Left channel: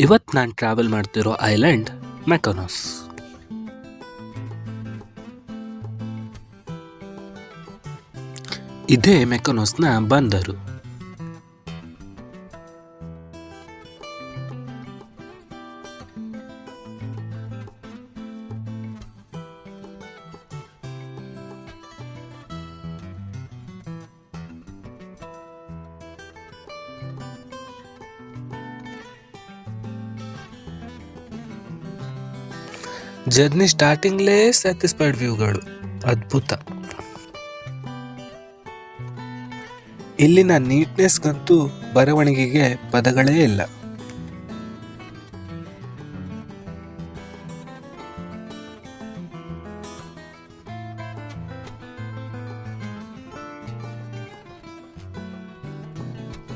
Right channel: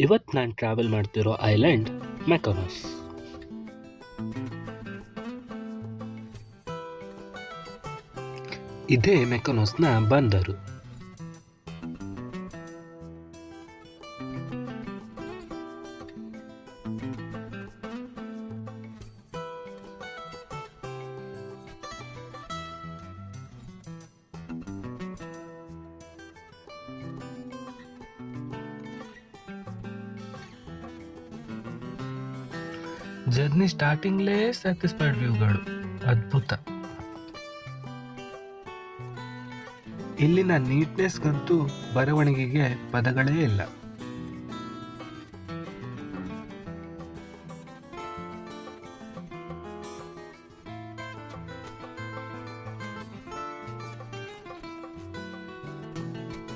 ಇವತ್ತು ನಾನು ಟ್ರಾವೆಲ್ ಮಾಡ್ತಿರೋ ಐಲ್ಯಾಂಡ್ ಮೆಕೋನಸ್. ಇದೇ ಮೆಕೋನಸ್ನ ಬಂದರು. ಜರ್ನಿ ಸ್ಟಾರ್ಟಿಂಗ್ಲೇ ಸ್ಯಾಟಿಸ್ಫೈಡ್ ವ್ಯೂಗಳು ಅದ್ಭುತ. ಇಲ್ಲಿನ ನೀಟ್ನೆಸ್ಗಂತೂ ಬರವಣಿಗೆಗೆ ಪದಗಳೇ ಇಲ್ಲ.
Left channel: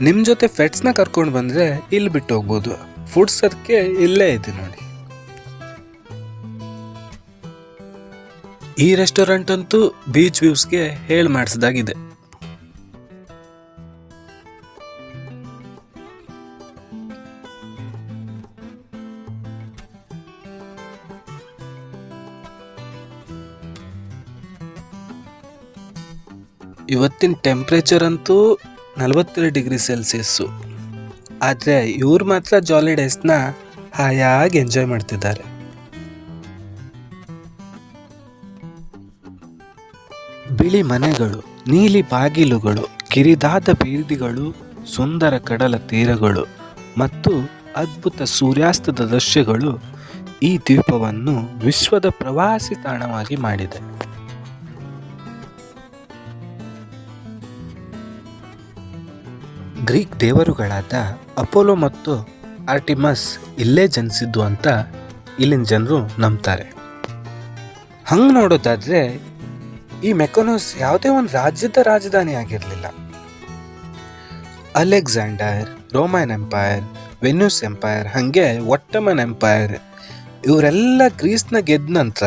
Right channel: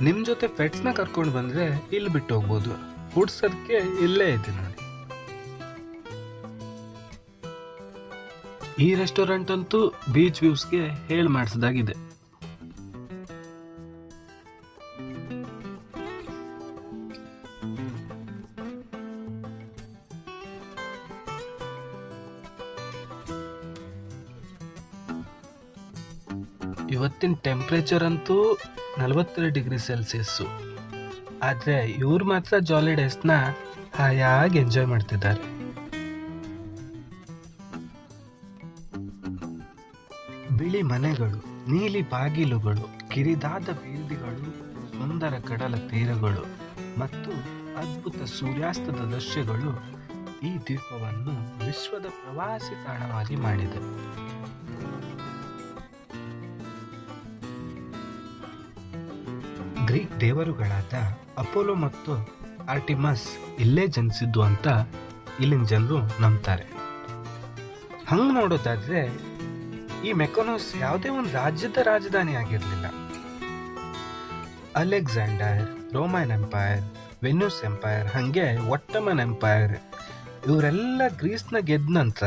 ನಿಮ್ ಜೊತೆ ಫೆಟ್ಸ್ನ ಕರ್ಕೊಂಡು ಬಂದ್ರೆ ಇಲ್ಲಿ ಬಿಟ್ಟು ಹೋಗ್ಬೋದು. ಫುಡ್ಸ್ ಅದಕ್ಕೆ ಇಲ್ಲೇ ಇದೆ ನೋಡಿ. ಈ ರೆಸ್ಟೋರೆಂಟ್ ಅಂತೂ ಬೀಚ್ ವ್ಯೂಸ್ಗೆ ಹೇಳಿ ಮಾಡಿಸಿದಾಗಿದೆ. ಇವತ್ತಿನ ಟೆಂಪ್ರೇಚರ್ ಅಂತೂ 42 ಡಿಗ್ರಿ ಸೆಲ್ಸಿಯಸ್ಸು. ಆದರೆ ಇವ್ರು ಮಾತ್ರ ಜಾಲಿ ಡೇಸ್ನ ಹಾಯಾಗಿ ಎಂಜಾಯ್ ಮಾಡ್ತಿದ್ದಾರೆ. ಬಿಳಿ ಮನೆಗಳು, ನೀಲಿ ಬಾಗಿಲುಗಳು, ಕಿರಿದಾದ ಬೀದಿಗಳು, ಸುಂದರ ಕಡಲ ತೀರಗಳು ಮತ್ತು ಅದ್ಭುತ ಸೂರ್ಯಾಸ್ತದ ದೃಶ್ಯಗಳು ಈ ದ್ವೀಪವನ್ನು ವಿಶ್ವದ ಪ್ರವಾಸಿ ತಾಣವಾಗಿ ಮಾಡಿದೆ. ಗ್ರೀಕ್ ದೇವರುಗಳಾದ ಅಪೋಲೋ ಮತ್ತು ಆರ್ಟಿಮಸ್ ಇಲ್ಲೇ ಜನಿಸಿದ್ದು ಅಂತ ಇಲ್ಲಿನ ಜನರು ನಂಬ್ತಾರೆ. ಹಂಗೆ ನೋಡೋದಾದ್ರೆ ಈ ಮೆಕೋನಸ್ ಯಾವುದೇ ಒಂದು ರಾಜ್ಯದ ರಾಜಧಾನಿ ಆಗಿರಲಿಲ್ಲ. Alexander, Roman empire, venues empire, ಹಾಗೆ ಒಟ್ಟಮನ್ ಎಂಪೈರ್ ಇವರೆಲ್ಲ ಗ್ರೀಸ್ನ ಗೆದ್ದ ನಂತರ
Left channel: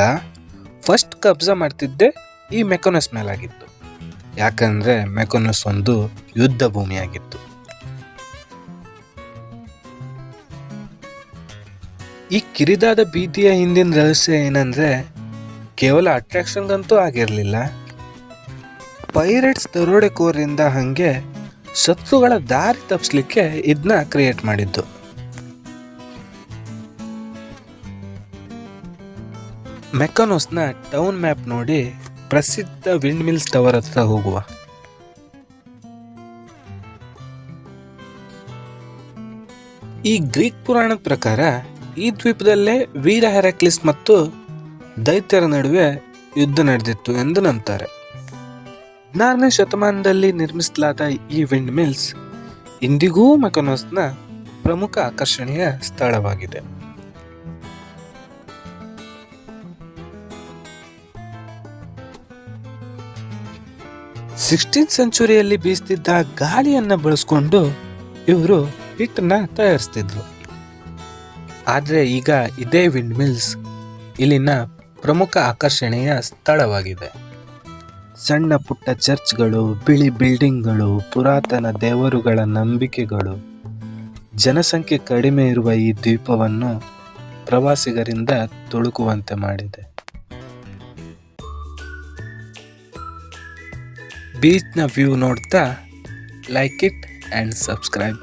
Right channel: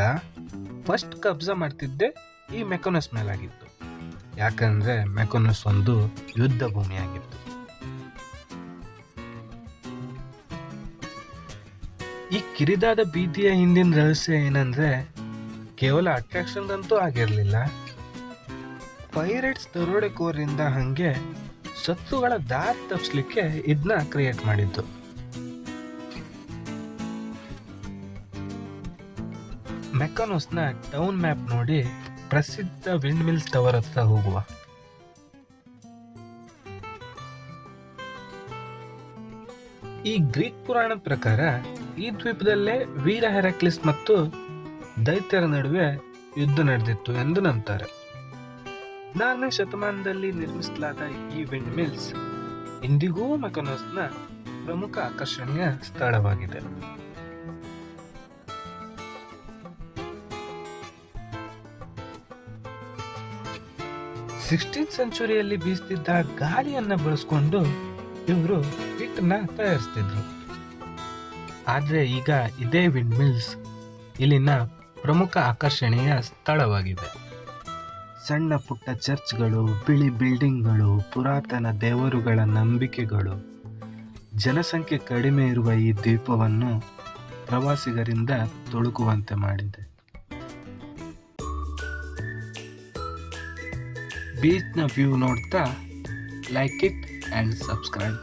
ಫಸ್ಟ್ ಕಬ್ಜಾ ಮಾಡ್ತಿದ್ದೆ ಈ ಮೆಕೋನಸ್ ಮೇಲಾಗಿತ್ತು. ಯಾಕಂದ್ರೆ ಮೆಕೋನಸ್ ಒಂದು ಯುದ್ಧ ಭೂಮಿಯಾಗಿತ್ತು. ಈ ಕಿರಿದಾದ ಬೀದಿಯ ಹಿಂದಿನ ರಹಸ್ಯ ಏನಂದ್ರೆ ಕೇವಲ ಅಟ್ರಾಕ್ಷನ್ಗಂತೂ ಆಗಿರಲಿಲ್ಲ. ಪೈರೇಟ್ಸ್ ದರೋಡೆಕೋರಿಂದ ಹಾಗೆ ಶತ್ರುಗಳ ದಾರಿ ತಪ್ಪಿಸ್ಲಿಕ್ಕೆ ಇದನ್ನ ಕ್ರಿಯೇಟ್ ಮಾಡಿದ್ದು. ಮೆಕೋನಸ್ನ ಟೌನ್ ಮ್ಯಾಪ್ ನೋಡಿ ಪ್ರಸಿದ್ಧ ವಿಂಡ್ ಮಿಲ್ಸ್ ಟವರ್ ಹತ್ರ ಹೋಗುವ. ಈ ಗ್ರೀಕ್ ಪುರಾಣದ ಪ್ರಕಾರ ಈ ದ್ವೀಪದಲ್ಲೇ ವೀರ ಹೆರಾಕ್ಲಿಸ್ ಮತ್ತು ದೈತ್ಯರ ನಡುವೆ ಯುದ್ಧ ನಡೆದಿತ್ತು ಎಂದು ನಂಬ್ತಾರೆ. 16ನೇ ಶತಮಾನದಲ್ಲಿ ನಿರ್ಮಿಸಲಾದ ಈ ವಿಂಡ್ ಮಿಲ್ಸ್ ಇಂದಿಗೂ ಮೆಕೋನಸ್ನ ಪ್ರಮುಖ ಆಕರ್ಷಣೆಯ ಸ್ಥಳವಾಗಿದೆ. ಸಿಕ್ಸ್ಟೀನ್ತ್ ಸೆಂಚುರಿಯಲ್ಲಿ ಬೀಸ್ತಿದ್ದ ಗಾಳಿಯನ್ನ ಬಳಸ್ಕೊಂಡು ಇವರು ಹಿಟ್ಟನ್ನ ತಯಾರಿಸ್ತಿದ್ರು. ಆದ್ರೆ ಈಗ ಇದೇ ವಿಂಡ್ ಮಿಲ್ಸ್ ಇಲ್ಲಿನ ಪ್ರಮುಖ ಆಕರ್ಷಣೆಯ ಸ್ಥಳವಾಗಿದೆ. ಸಣ್ಣ ಪುಟ್ಟ ಚರ್ಚ್ಗಳು, ಬಿಳಿ ಬಿಲ್ಡಿಂಗ್ಗಳು, ಪುರಾತನ ದೇವರುಗಳ ನಂಬಿಕೆಗಳು, ಜನಸಂಖ್ಯೆ ಕಡಿಮೆ ಇರುವ ಈ ದ್ವೀಪವನ್ನು ಪ್ರವಾಸಿಗರಿಂದ ತುಳುಕುವಂತೆ ಮಾಡಿದೆ. ಬೀಚ್ನ ವ್ಯೂ ನೋಡ್ತಾ ಲೈಕ್ ಇಟ್ ಆ್ಯಂಡ್ ಸಬ್ಸ್ಕ್ರೈಬ್.